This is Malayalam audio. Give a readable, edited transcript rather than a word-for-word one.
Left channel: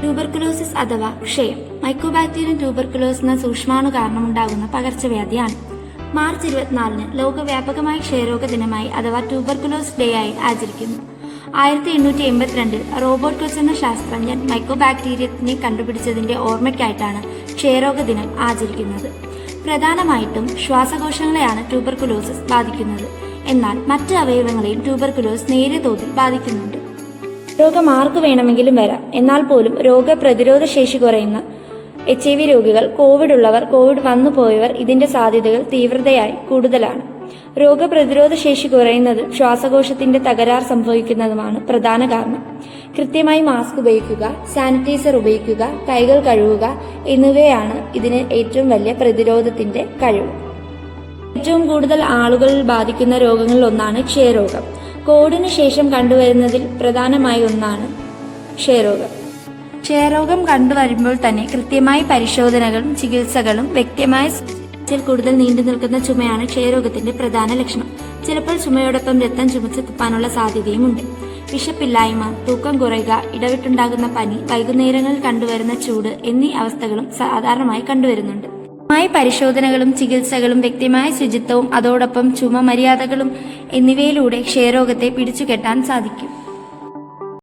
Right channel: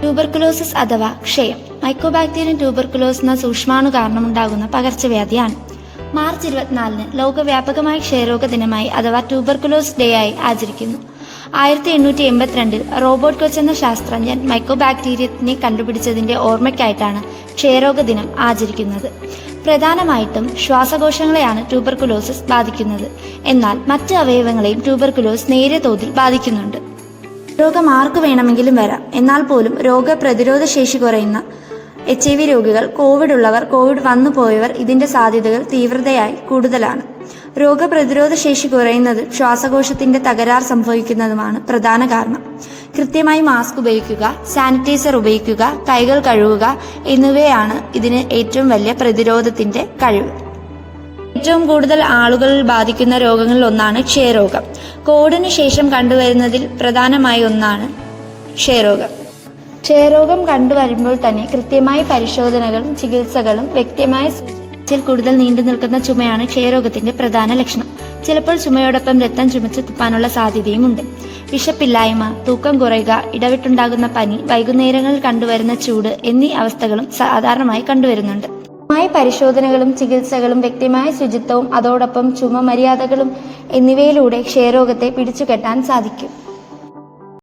ട്യൂബർകുലോസിസ് അഥവാ ക്ഷയം മൈക്കോബാക്ടീരിയം ട്യൂബർകുലോസ് എന്ന സൂക്ഷ്മാണു കാരണമുണ്ടാകുന്ന പകർച്ചവ്യാധിയാണ്. മാർച്ച് 24 ലോകവ്യാപകമായി ക്ഷയരോഗ ദിനമായി അഥവാ ട്യൂബർകുലോസ് ഡേ ആയി ആചരിക്കുന്നു. 1882 റോബർട്ട് കൊച്ച് എന്ന ശാസ്ത്രജ്ഞൻ മൈക്കോബാക്ടീരിയത്തിനെ കണ്ടുപിടിച്ചതിന്റെ ഓർമ്മയ്ക്കായിട്ടാണ് ക്ഷയരോഗ ദിനം ആചരിക്കുന്നത്. പ്രധാനമായിട്ടും ശ്വാസകോശങ്ങളെയാണ് ട്യൂബർകുലോസിസ് ബാധിക്കുന്നത്. എന്നാൽ മറ്റ് അവയവങ്ങളെയും ട്യൂബർകുലോസ് നേരിയ തോതിൽ ബാധിക്കുന്നുണ്ട്. രോഗം ആർക്ക് വേണമെങ്കിലും വരാം. എന്നാൽ പോലും രോഗപ്രതിരോധ ശേഷി കുറയുന്ന HIV രോഗികൾ, കോവിഡ് ഉള്ളവർ, കോവിഡ് വന്നു പോയവർ ഇതിന്റെ സാധ്യതകൾ തീവ്രതയായി കൂടുതലാണ്. രോഗപ്രതിരോധ ശേഷി കുറയുന്നത് ശ്വാസകോശത്തിന്റെ തകരാർ സംഭവിക്കുന്നതുമാണ് പ്രധാന കാരണം. കൃത്യമായി മാസ്ക് ഉപയോഗിക്കുക, സാനിറ്റൈസർ ഉപയോഗിക്കുക, കൈകൾ കഴുകുക എന്നിവയാണ് ഇതിന് ഏറ്റവും വലിയ പ്രതിരോധത്തിന്റെ കഴിവ്. ഏറ്റവും കൂടുതൽ ആളുകൾ ബാധിക്കുന്ന രോഗങ്ങളിൽ ഒന്നാണ് ക്ഷയരോഗം. കോവിഡിന് ശേഷം കണ്ടുവരുന്നതിൽ പ്രധാനമായ ഒന്നാണ് ക്ഷയരോഗം. ക്ഷയരോഗം കണ്ടുവരുമ്പോൾ തന്നെ കൃത്യമായ പരിശോധനകളും ചികിത്സകളും വ്യക്തമായ കൂടുതൽ നീണ്ടു നിൽക്കുന്ന ചുമയാണ് ക്ഷയരോഗത്തിന്റെ പ്രധാന ലക്ഷണം. ചിലപ്പോൾ ചുമയോടൊപ്പം രക്തം ചുമച്ച് തുപ്പാനുള്ള സാധ്യതയുമുണ്ട്. വിശപ്പില്ലായ്മ, തൂക്കം കുറയുക, ഇടവിട്ടുണ്ടാകുന്ന പനി, വൈകുന്നേരങ്ങളിൽ കണ്ടുവരുന്ന ചൂട് എന്നീ അവസ്ഥകളും സാധാരണമായി കണ്ടുവരുന്നുണ്ട്. പരിശോധനകളും ചികിത്സകളും വ്യക്തമായ ശുചിത്വവും അതോടൊപ്പം ചുമ മര്യാദകളും എന്നിവയിലൂടെ ക്ഷയരോഗത്തെ പിടിച്ചുകെട്ടാൻ സാധിക്കും.